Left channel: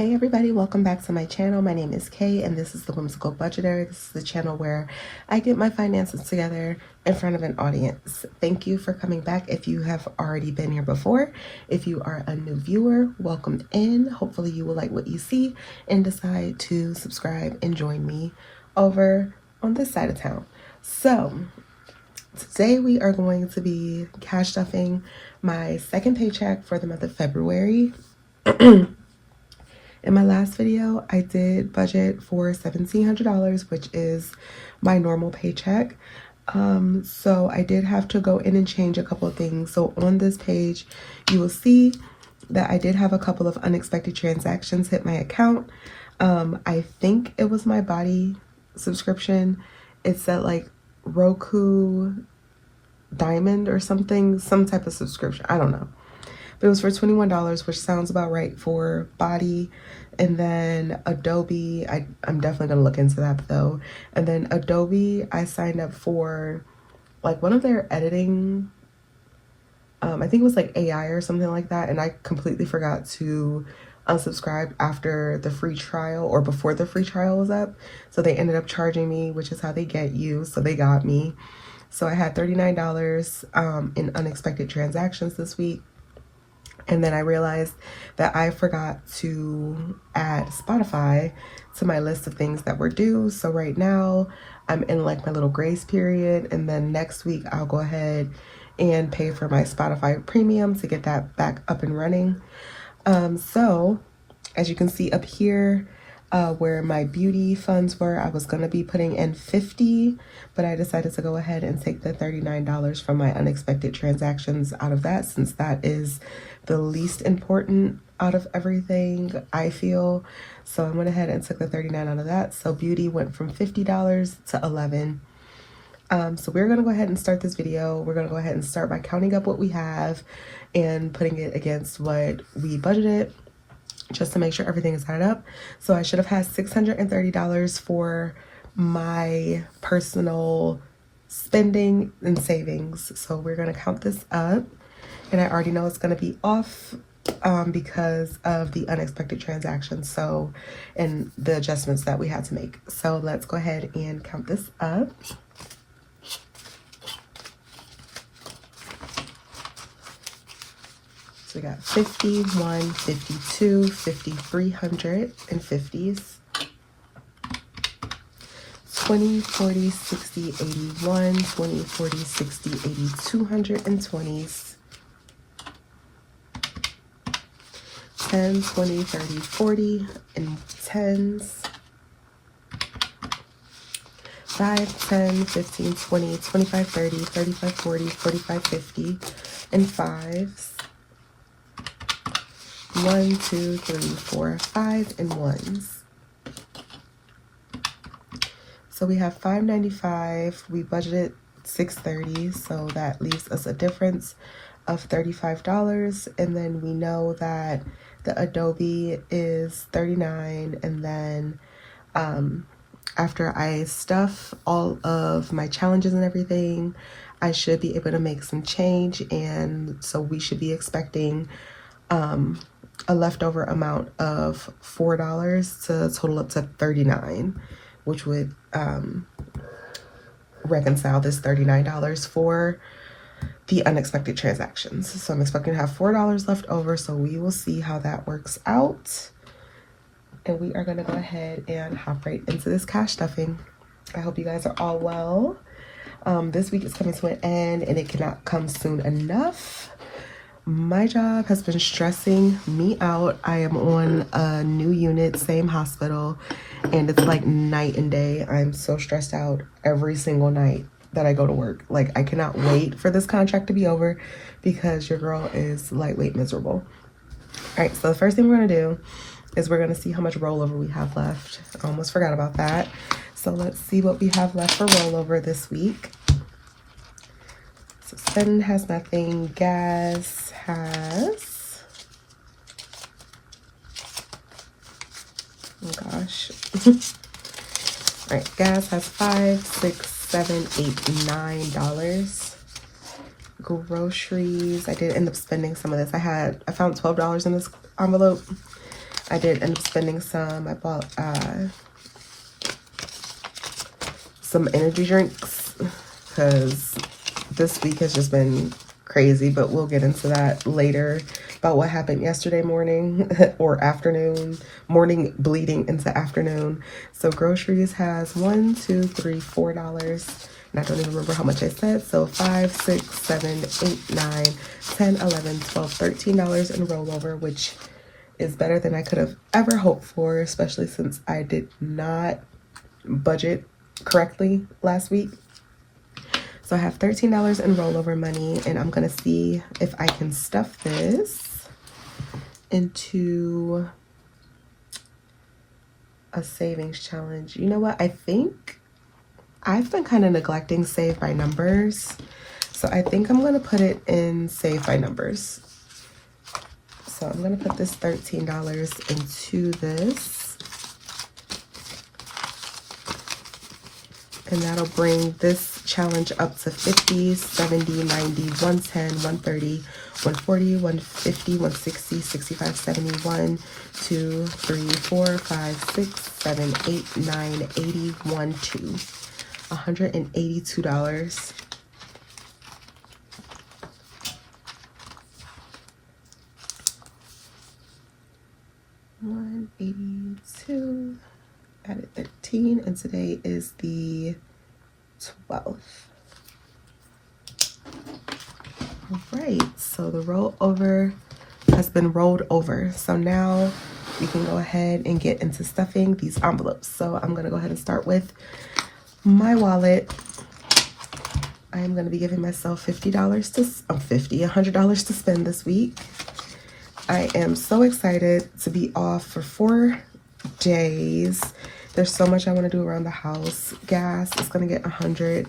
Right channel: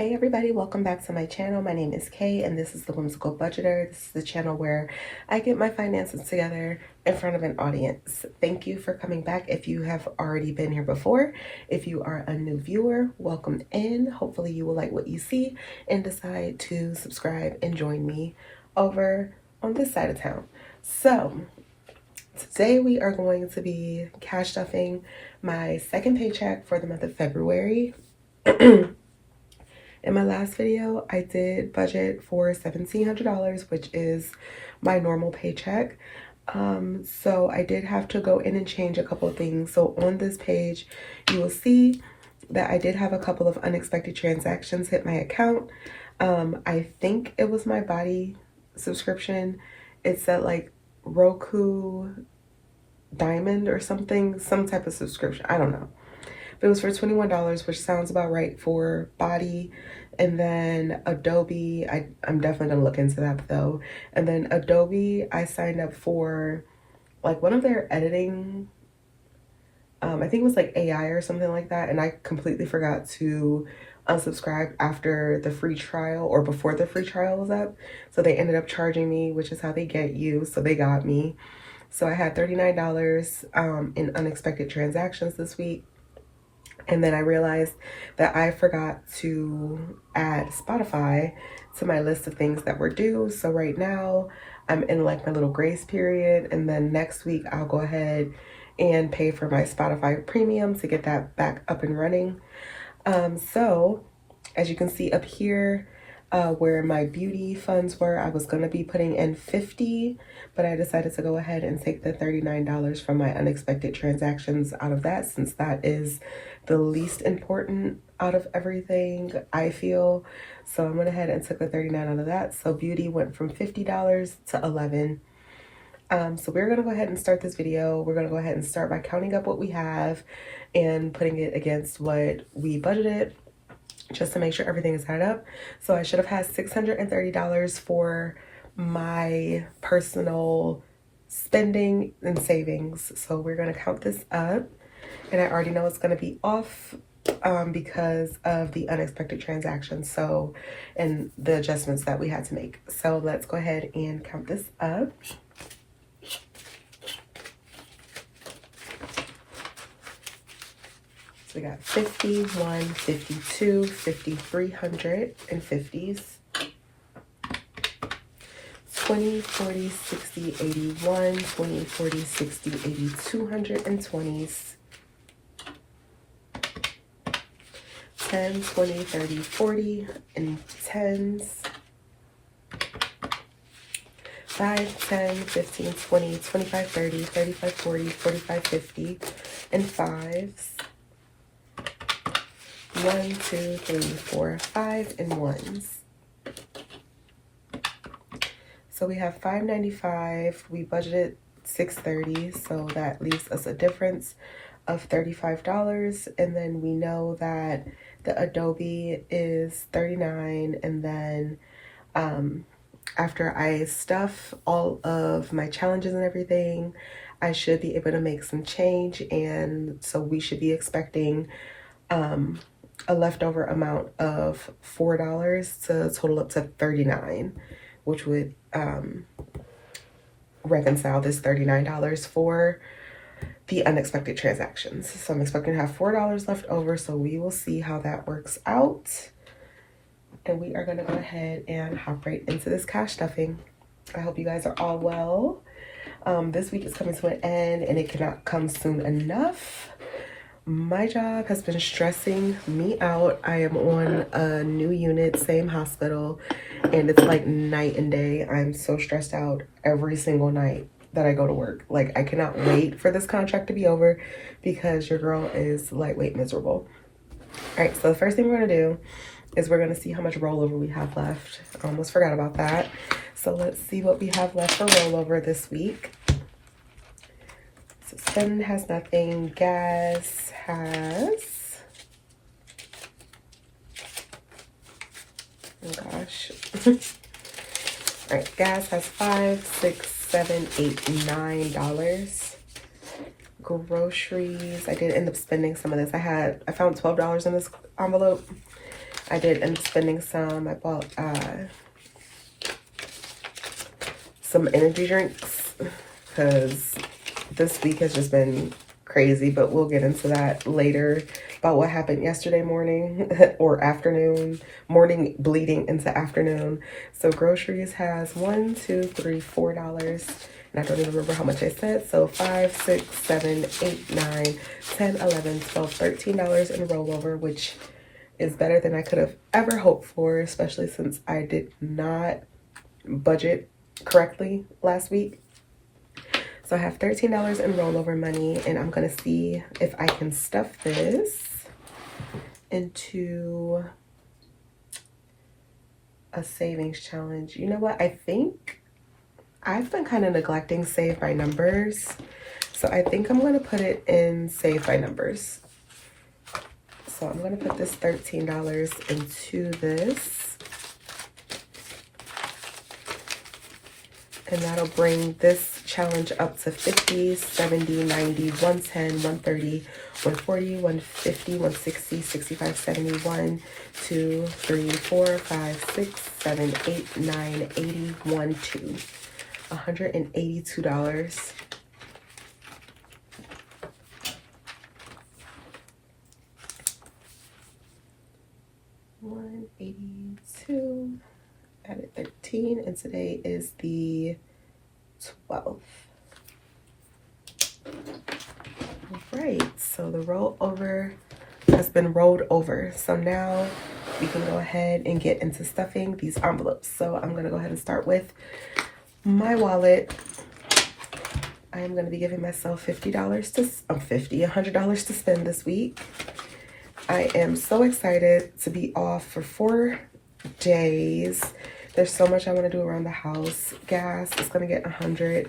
Hey everybody, welcome back to my channel. My name is Kay and this is the Whimsical Budgeter. This is the channel where I get my finances together in front of an audience. Thank you for coming back if you have already been here before. If you are a new viewer, welcome in. Hopefully you will like what you see and decide to subscribe and join me over on this side of town. So today we are going to be cash stuffing my second paycheck for the month of February. In my last video, I did budget for $1,700, which is my normal paycheck. So I did have to go in and change a couple of things. So on this page, you will see that I did have a couple of unexpected transactions hit my account. I think it was my body subscription. It said like Roku Diamond or something, some type of subscription. I don't know. But it was for $21, which sounds about right for body. And then Adobe, I'm definitely gonna look into that though. And then Adobe, I signed up for like one of their editing, I think it was like AI or something like that. And I completely forgot to unsubscribe after the free trial or before the free trial was up. So they ended up charging me, which is how they get you. So they got me. So I had $39 in unexpected transactions this week. And then I realized that I forgot to add Spotify to my list of things that were due. So right now I'm in like my little grace period. And then next week I'll go ahead and pay for my Spotify premium to get that back up and running. So as you can see up here, where my beauty funds were, I was going to be putting in $50, but I decided to go ahead and take the $39 from my unexpected transactions out of that, since that is the least important out of everything, I feel. So I went ahead and took the $39 out of that. So beauty went from $50 to $11. So we're going to go ahead and start this video. We're going to go ahead and start by counting up what we have and putting it against what we budgeted, just to make sure everything is added up. So I should have had $630 for my personal spending and savings. So we're going to count this up. And I already know it's going to be off because of the unexpected transactions. So, and the adjustments that we had to make. So let's go ahead and count this up. So we got 50, 1, 52, 5,300 and 50s. 20, 40, 60, 81, 20, 40, 60, 80, 220s. 10, 20, 30, 40 and 10s. 5, 10, 15, 20, 25, 30, 35, 40, 45, 50 and 5s. 1, 2, 3, 4, 5 and 1s. So we have $595. We budgeted $630, so that leaves us a difference of $35. And then we know that the Adobe is $39. And then after I stuff all of my challenges and everything, I should be able to make some change. And so we should be expecting a leftover amount of $4 to total up to $39, which would reconcile this $39 for the unexpected transactions. So I'm expecting to have $4 left over. So we will see how that works out. And we are going to go ahead and hop right into this cash stuffing. I hope you guys are all well. This week is coming to an end and it cannot come soon enough. My job has been stressing me out. I am on a new unit, same hospital, and it's like night and day. I'm so stressed out every single night that I go to work. Like, I cannot wait for this contract to be over because your girl is lightweight miserable. All right, so the first thing we're gonna do is we're gonna see how much rollover we have left. I almost forgot about that. So let's see what we have left for rollover this week. So Sun has nothing. Gas has, oh gosh. All right, gas has $5, $6, $7, $8, $9. Groceries, I did end up spending some of this. I found $12 in this envelope. I did end up spending some. I bought some energy drinks because this week has just been crazy, but we'll get into that later about what happened yesterday morning or afternoon, morning bleeding into afternoon. So groceries has $4. And I don't even remember how much I said. So 5, 6, 7, 8, 9, 10, 11, 12, $13 in rollover, which is better than I could have ever hoped for, especially since I did not budget correctly last week. So I have $13 in rollover money, and I'm gonna see if I can stuff this into a savings challenge. You know what? I think I've been kind of neglecting Save by Numbers. So I think I'm gonna put it in Save by Numbers. So I'm gonna put this $13 into this. And that'll bring this challenge up to 50, 70, 90, 110, 130, 140, 150, 160, 65, 71, 2, 3, 4, 5, 6, 7, 8, 9, 80, 1, 2. $182. $182. Added 13, and today is the 12th. All right, so the rollover has been rolled over. So now we can go ahead and get into stuffing these envelopes. So I'm gonna go ahead and start with my wallet. I am gonna be giving myself $100 to spend this week. I am so excited to be off for 4 days. There's so much I want to do around the house. Gas is gonna get 100,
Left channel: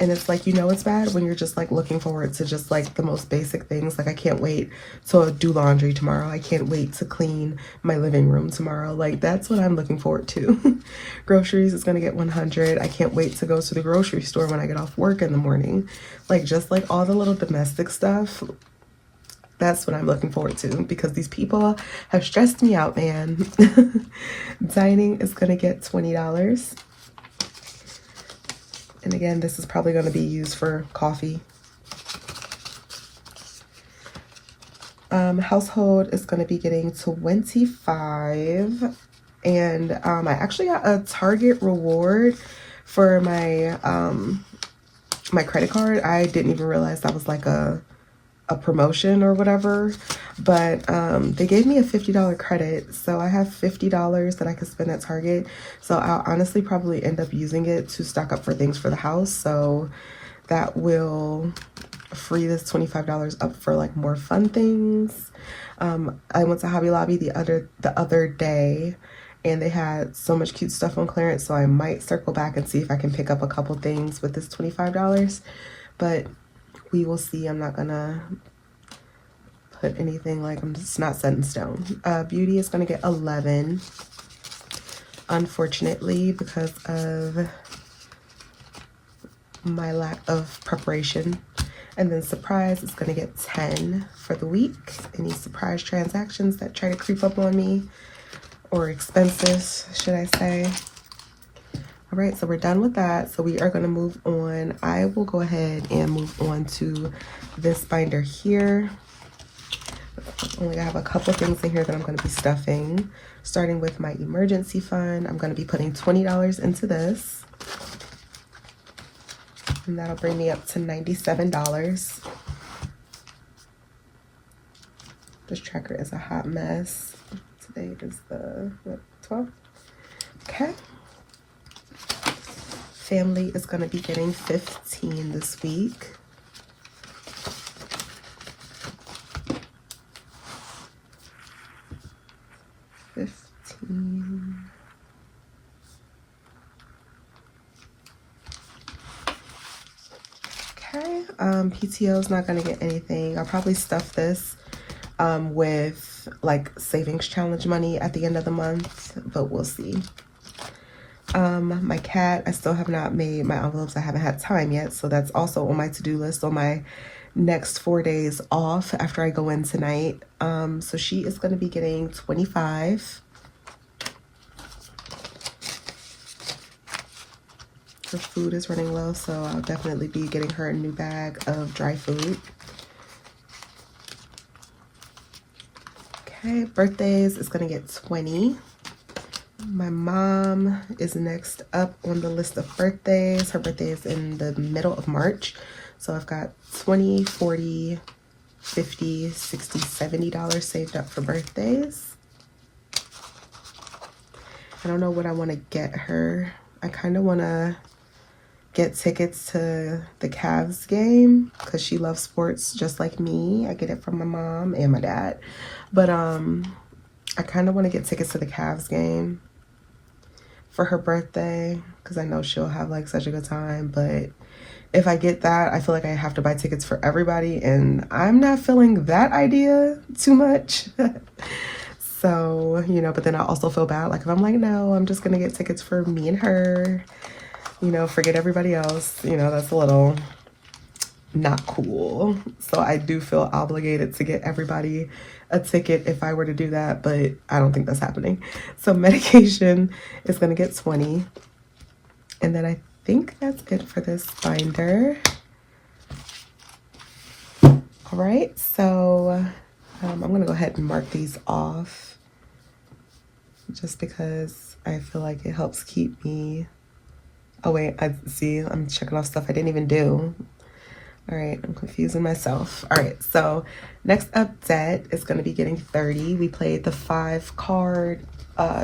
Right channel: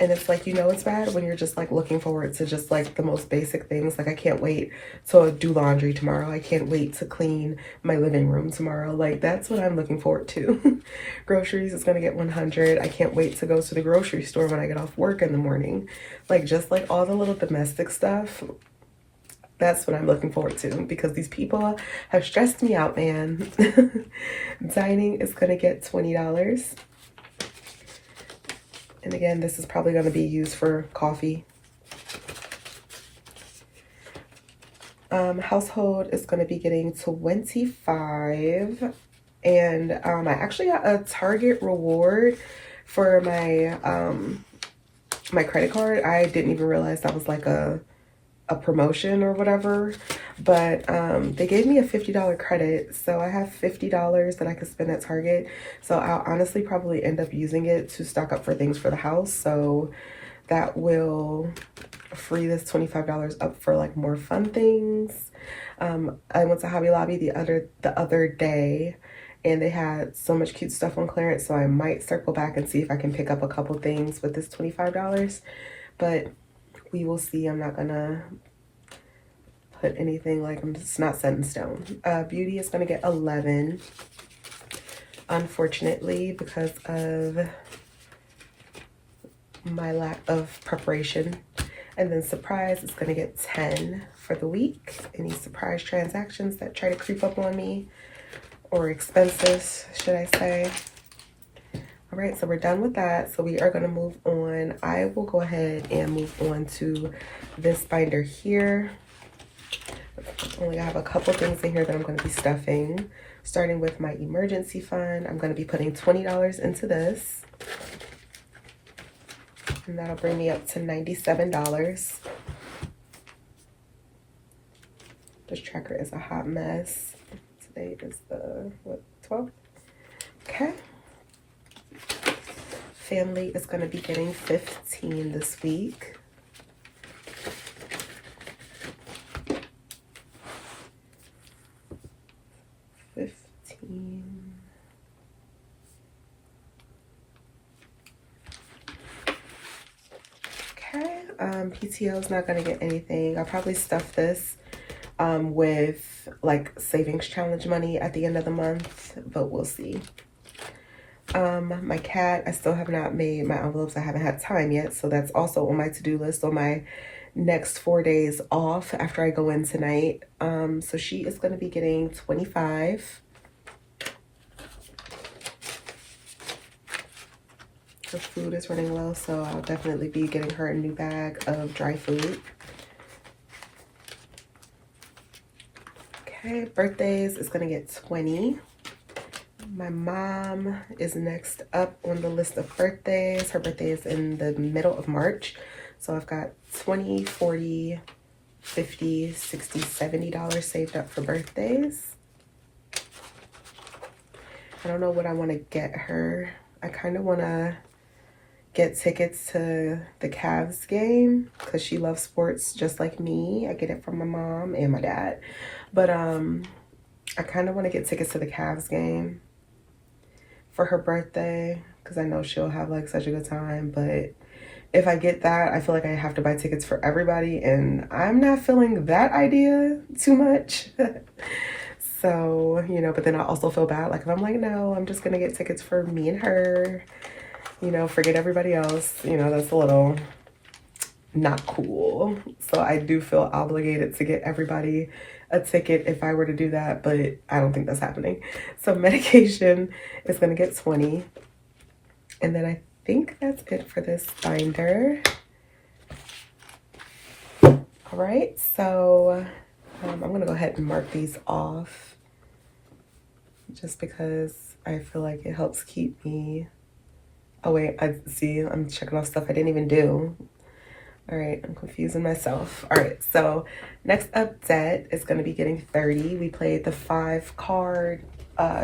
and it's like, you know, it's bad when you're just like looking forward to just like the most basic things. Like I can't wait to do laundry tomorrow. I can't wait to clean my living room tomorrow. Like that's what I'm looking forward to. Groceries is gonna get 100. I can't wait to go to the grocery store when I get off work in the morning. Like just like all the little domestic stuff. That's what I'm looking forward to, because these people have stressed me out, man. Dining is gonna get $20. And again, this is probably gonna be used for coffee. Household is gonna be getting 25. And I actually got a Target reward for my my credit card. I didn't even realize that was like a promotion or whatever, but they gave me a $50 credit, so I have $50 that I could spend at Target. So I'll honestly probably end up using it to stock up for things for the house, so that will free this $25 up for like more fun things. I went to Hobby Lobby the other day, and they had so much cute stuff on clearance, so I might circle back and see if I can pick up a couple things with this $25, but we will see. I'm not gonna put anything, like I'm just not set in stone. Beauty is gonna get 11, unfortunately, because of my lack of preparation. And then surprise is gonna get 10 for the week. Any surprise transactions that try to creep up on me, or expenses, should I say. All right, so we're done with that. So we are gonna move on. I will go ahead and move on to this binder here. I have a couple things in here that I'm gonna be stuffing. Starting with my emergency fund, I'm gonna be putting $20 into this. And that'll bring me up to $97. This tracker is a hot mess. Today is the 12th. Okay. Family is going to be getting 15 this week. Okay, PTO is not going to get anything. I'll probably stuff this with like savings challenge money at the end of the month, but we'll see. My cat, I still have not made my envelopes. I haven't had time yet, so that's also on my to-do list on my next 4 days off after I go in tonight. So she is going to be getting 25. Her food is running low, so I'll definitely be getting her a new bag of dry food. Okay, birthdays is going to get 20. My mom is next up on the list of birthdays. Her birthday is in the middle of March. So I've got 20, 40, 50, 60, $70 saved up for birthdays. I don't know what I want to get her. I kind of want to get tickets to the Cavs game because she loves sports just like me. I get it from my mom and my dad. But I kind of want to get tickets to the Cavs game for her birthday because I know she'll have like such a good time. But if I get that, I feel like I have to buy tickets for everybody, and I'm not feeling that idea too much. So, you know, but then I also feel bad. Like if I'm like, no, I'm just going to get tickets for me and her, you know, forget everybody else. You know, that's a little not cool. So I do feel obligated to get everybody a ticket if I were to do that, but I don't think that's happening. So medication is going to get 20. And then I think that's it for this binder. All right, so I'm going to go ahead and mark these off just because I feel like it helps keep me. Oh wait, I see I'm checking off stuff I didn't even do. All right, I'm confusing myself. All right, so next up, debt is going to be getting 30. We played the 5-card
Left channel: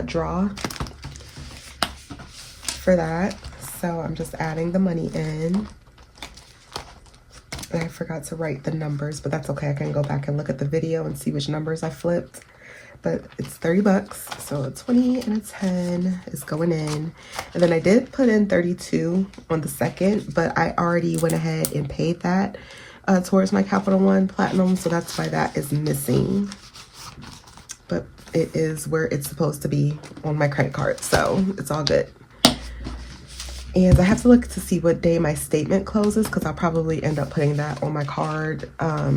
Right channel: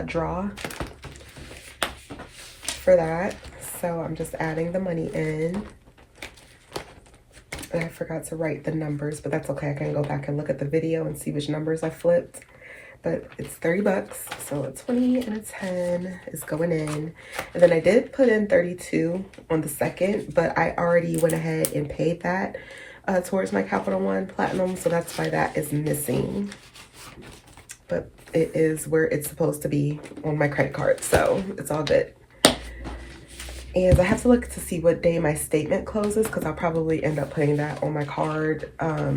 draw for that. So I'm just adding the money in. And I forgot to write the numbers, but that's okay. I can go back and look at the video and see which numbers I flipped. But it's 30 bucks. So a 20 and a 10 is going in. And then I did put in 32 on the second, but I already went ahead and paid that towards my Capital One Platinum. So that's why that is missing. But it is where it's supposed to be on my credit card. So it's all good. And I have to look to see what day my statement closes because I'll probably end up putting that on my card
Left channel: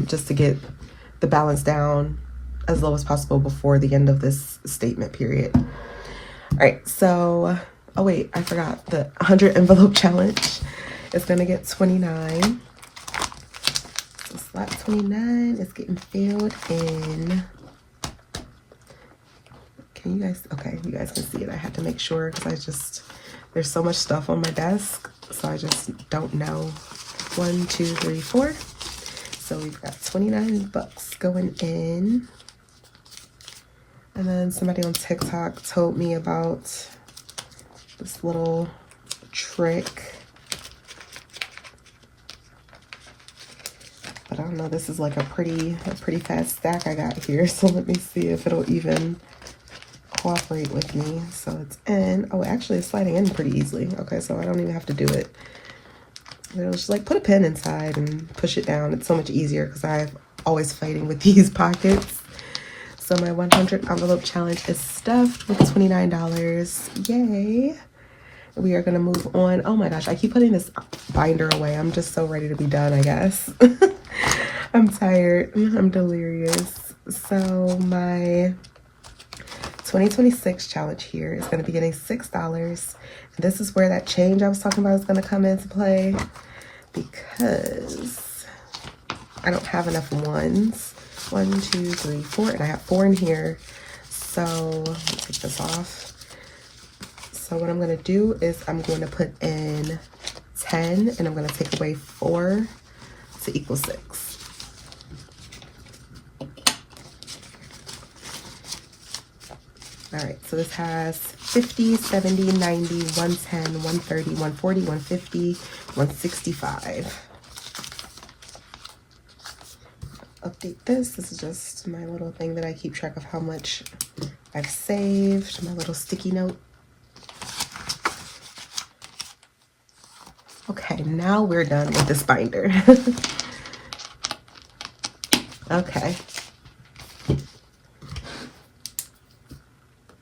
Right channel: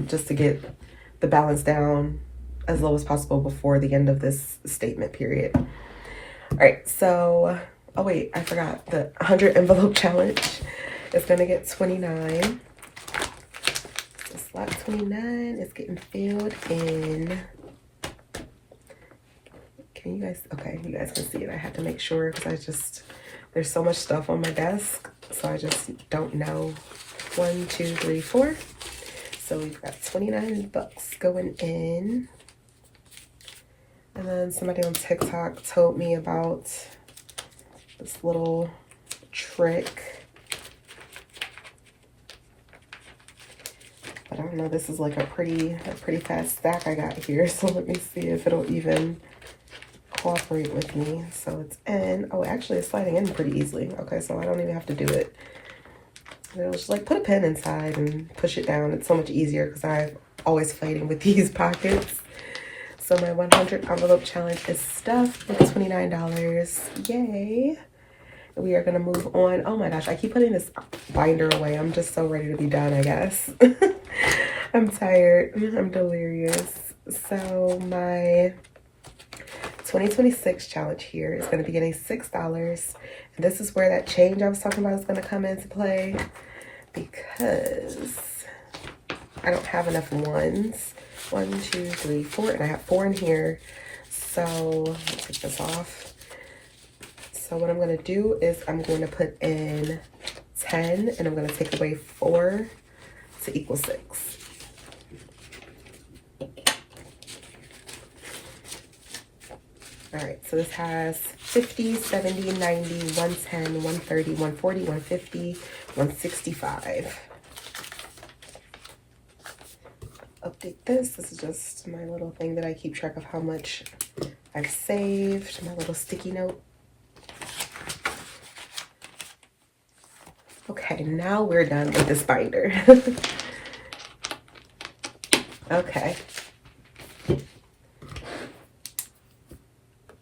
just to get the balance down as low as possible before the end of this statement period. All right, so, oh wait, I forgot the 100 envelope challenge is gonna get 29. So slot 29 is getting filled in. Can you guys, okay, you guys can see it. I have to make sure because there's so much stuff on my desk, so I just don't know. 1, 2, 3, 4. So we've got 29 bucks going in. And then somebody on TikTok told me about this little trick. But I don't know, this is like a pretty fast stack I got here. So let me see if it'll even cooperate with me. So it's in. Oh, actually it's sliding in pretty easily. Okay, so I don't even have to do it. It'll just like put a pen inside and push it down. It's so much easier because I'm always fighting with these pockets. So my 100 envelope challenge is stuffed with $29. Yay. We are going to move on. Oh my gosh, I keep putting this binder away. I'm just so ready to be done, I guess. I'm tired. I'm delirious. So my 2026 challenge here is going to be getting $6. This is where that change I was talking about is going to come into play because I don't have enough ones. 1, 2, 3, 4, and I have 4 in here. So let me take this off. So what I'm going to do is I'm going to put in 10 and I'm going to take away 4 to equal 6. All right, so this has 50, 70, 90, 110, 130, 140, 150, 165. Update this. This is just my little thing that I keep track of how much I've saved, my little sticky note. Okay, now we're done with this binder. Okay.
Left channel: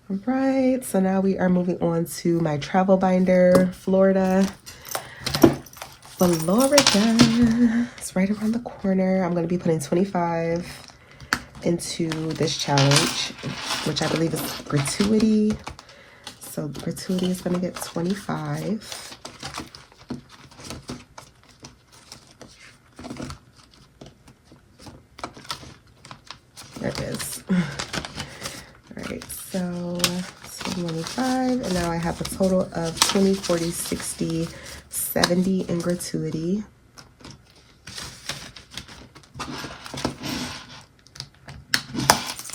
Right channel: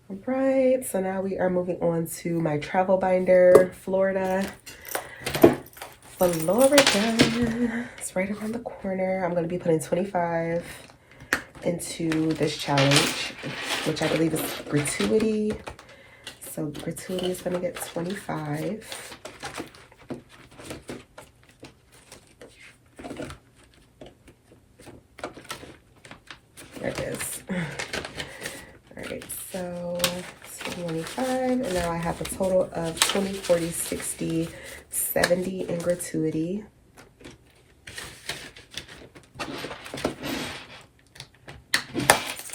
All right, so now we are moving on to my travel binder, Florida. Florida. It's right around the corner. I'm going to be putting 25 into this challenge, which I believe is gratuity. So gratuity is going to get 25. There it is. All right, so 25, and now I have a total of 20, 40, 60, 70 in gratuity.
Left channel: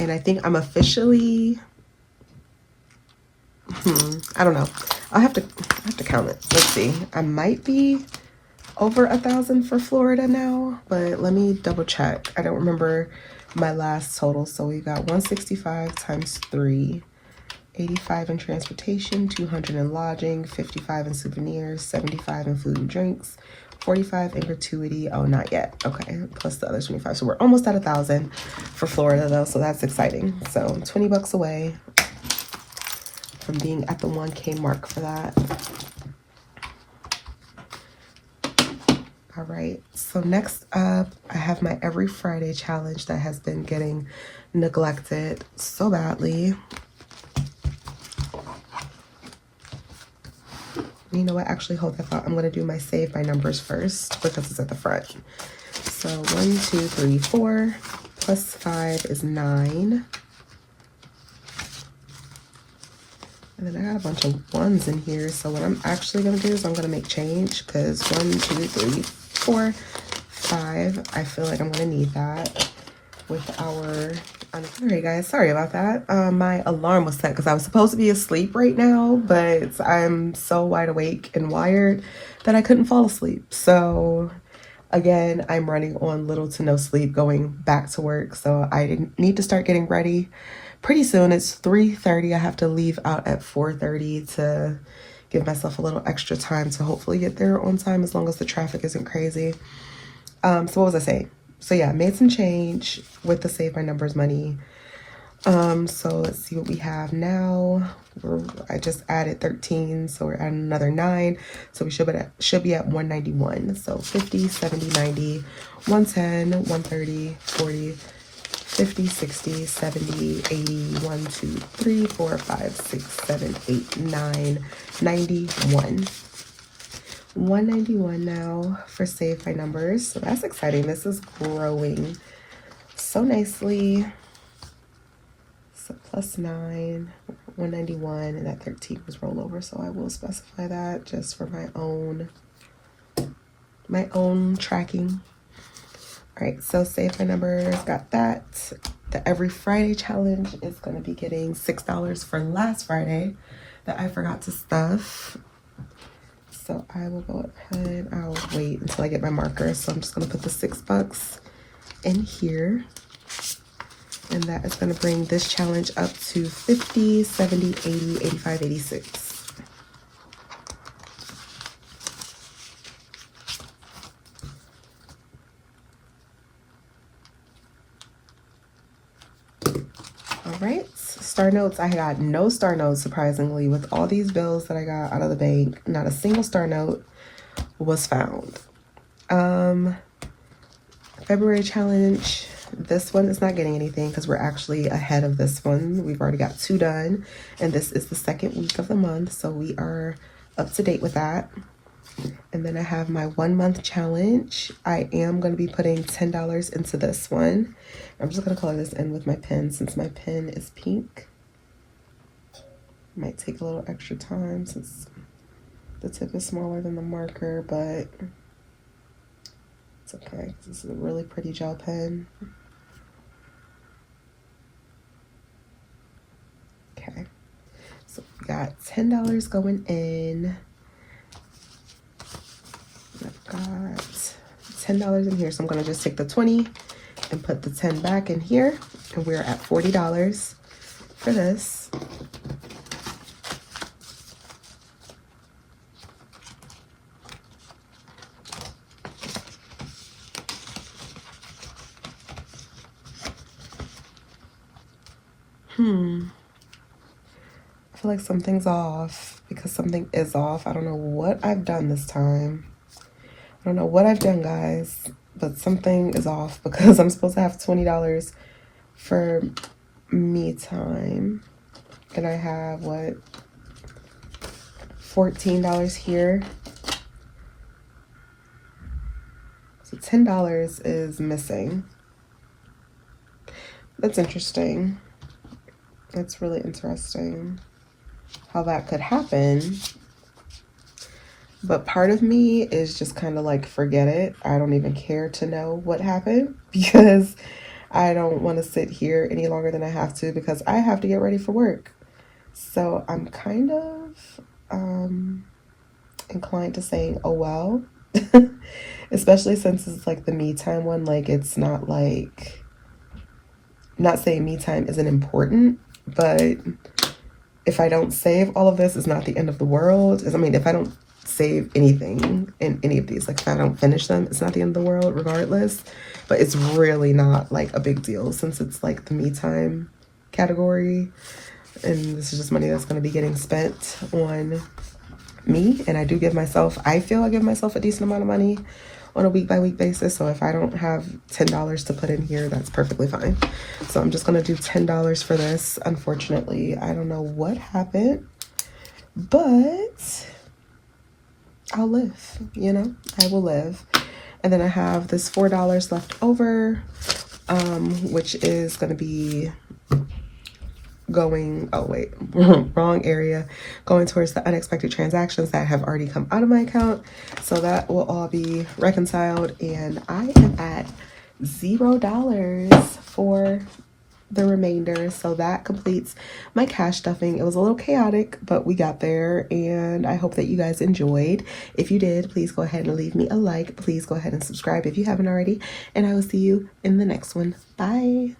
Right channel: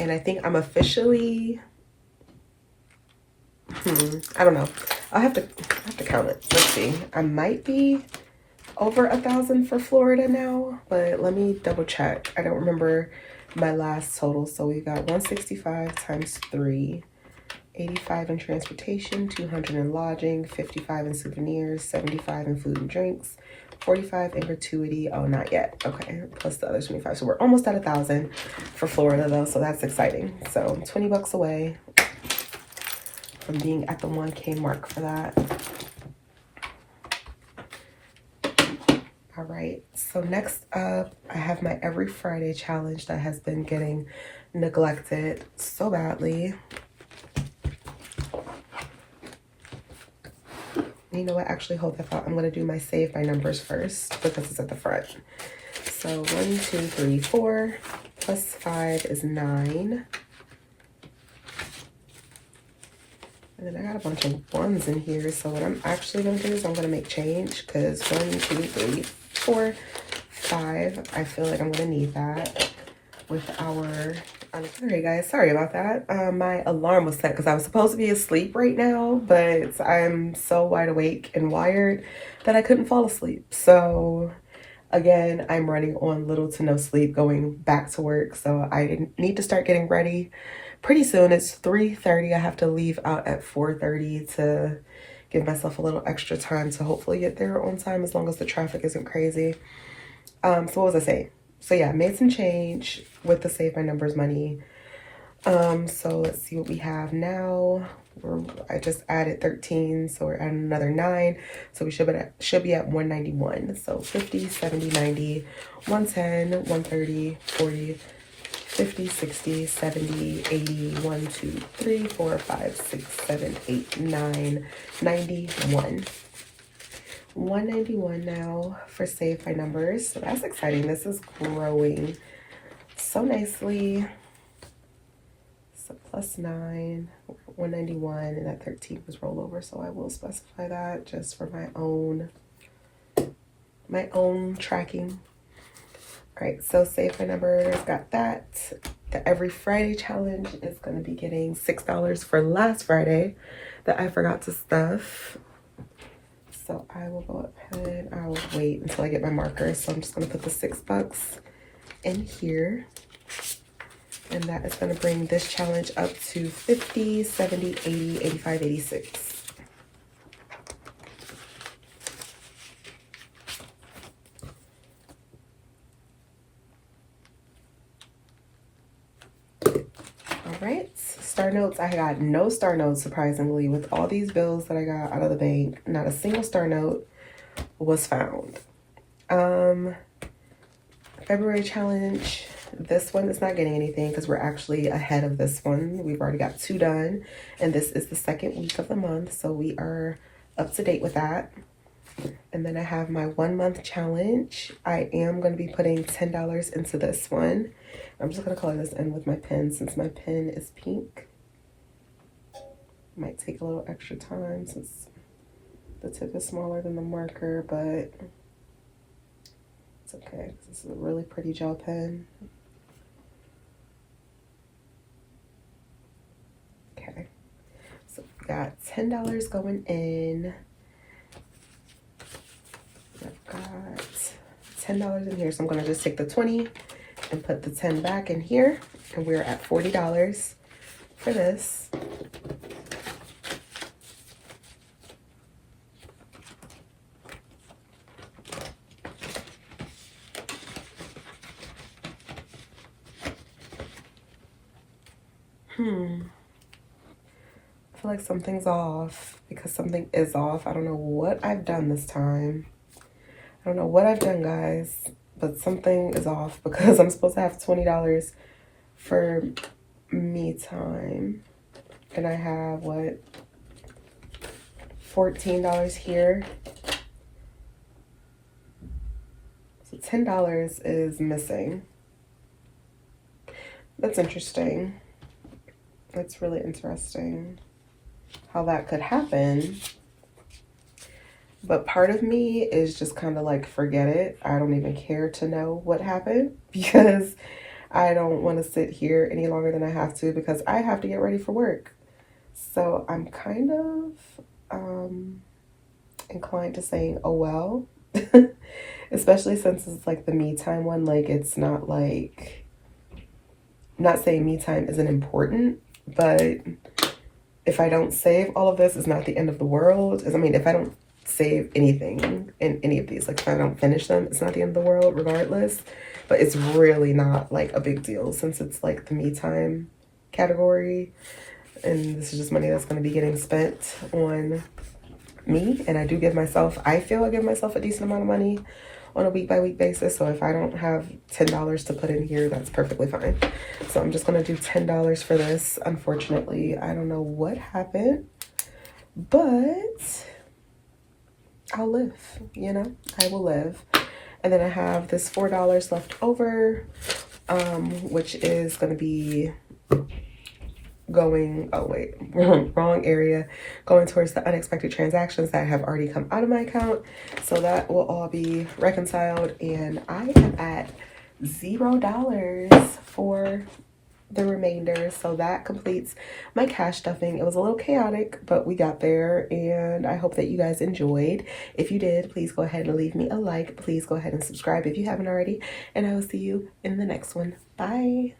And I think I'm officially, I don't know. I have to count it. Let's see. I might be over 1,000 for Florida now, but let me double check. I don't remember my last total. So we got 165 times 3, 85 in transportation, 200 in lodging, 55 in souvenirs, 75 in food and drinks, 45 in gratuity. Oh, not yet. Okay, plus the other 25. So we're almost at 1,000 for Florida though, so that's exciting. So 20 bucks away from being at the 1K mark for that. All right, so next up, I have my Every Friday challenge that has been getting neglected so badly. You know what? Actually, hold that thought. I'm going to do my save by numbers first because it's at the front. So 1, 2, 3, 4 plus 5 is 9. And then I got a bunch of ones in here. So what I'm actually going to do is I'm going to make change because 1, 2, 3, 4, 5. I feel like I'm going to need that with our... All right, guys, sorry about that. My alarm was set because I was supposed to be asleep right now, but I'm so wide awake and wired that I couldn't fall asleep. So again, I'm running on little to no sleep going back to work. So I need to start getting ready pretty soon. It's 3:30. I have to leave out at 4:30 to give myself a little extra time to hopefully get there on time as long as the traffic isn't crazy. So what was I saying? So yeah, made some change with the Save My Numbers money. So let's see what we have now. I just added 13, so we're adding another 9. So we should be at 191. So 50, 70, 90, 110, 130, 40, 50, 60, 70, 80, 1, 2, 3, 4, 5, 6, 7, 8, 9, 91. 191 now for Save My Numbers. So that's exciting. This is growing so nicely. So plus 9, 191, and that 13 was rollover. So I will specify that just for my own tracking. All right, so Save My Numbers, got that. The Every Friday challenge is going to be getting $6 for last Friday that I forgot to stuff. So I will go ahead, I'll wait until I get my marker. So I'm just gonna put the $6 in here. And that is gonna bring this challenge up to 50, 70, 80, 85, 86. All right, star notes. I got no star notes, surprisingly. With all these bills that I got out of the bank, not a single star note was found. February challenge. This one is not getting anything because we're actually ahead of this one. We've already got 2 done, and this is the 2nd week of the month, so we are up to date with that. And then I have my 1 month challenge. I am going to be putting $10 into this one. I'm just going to color this in with my pen since my pen is pink. Might take a little extra time since the tip is smaller than the marker, but it's okay. This is a really pretty gel pen. Okay, so we got $10 going in. I've got $10 in here, so I'm going to just take the 20 and put the 10 back in here, and we're at $40 for this. I feel like something's off because something is off. I don't know what I've done this time. I don't know what I've done, guys, but something is off because I'm supposed to have $20 for me time. And I have, what, $14 here. So $10 is missing. That's interesting. That's really interesting how that could happen. But part of me is just kind of like, forget it. I don't even care to know what happened because I don't want to sit here any longer than I have to because I have to get ready for work. So I'm kind of inclined to saying, oh well, especially since it's like the me time one. Like, it's not like, I'm not saying me time isn't important, but if I don't save all of this, it's not the end of the world. I mean, if I don't save anything in any of these, like if I don't finish them, it's not the end of the world regardless. But it's really not like a big deal since it's like the me time category, and this is just money that's going to be getting spent on me. And I do give myself, I feel I give myself a decent amount of money on a week by week basis. So if I don't have $10 to put in here, that's perfectly fine. So I'm just going to do $10 for this. Unfortunately, I don't know what happened, but I'll live, you know, I will live. And then I have this $4 left over, which is going to be going, oh wait, wrong area, going towards the unexpected transactions that have already come out of my account. So that will all be reconciled, and I am at $0 for the remainder. So that completes my cash stuffing. It was a little chaotic, but we got there, and I hope that you guys enjoyed. If you did, please go ahead and leave me a like. Please go ahead and subscribe if you haven't already, and I will see you in the next one. Bye.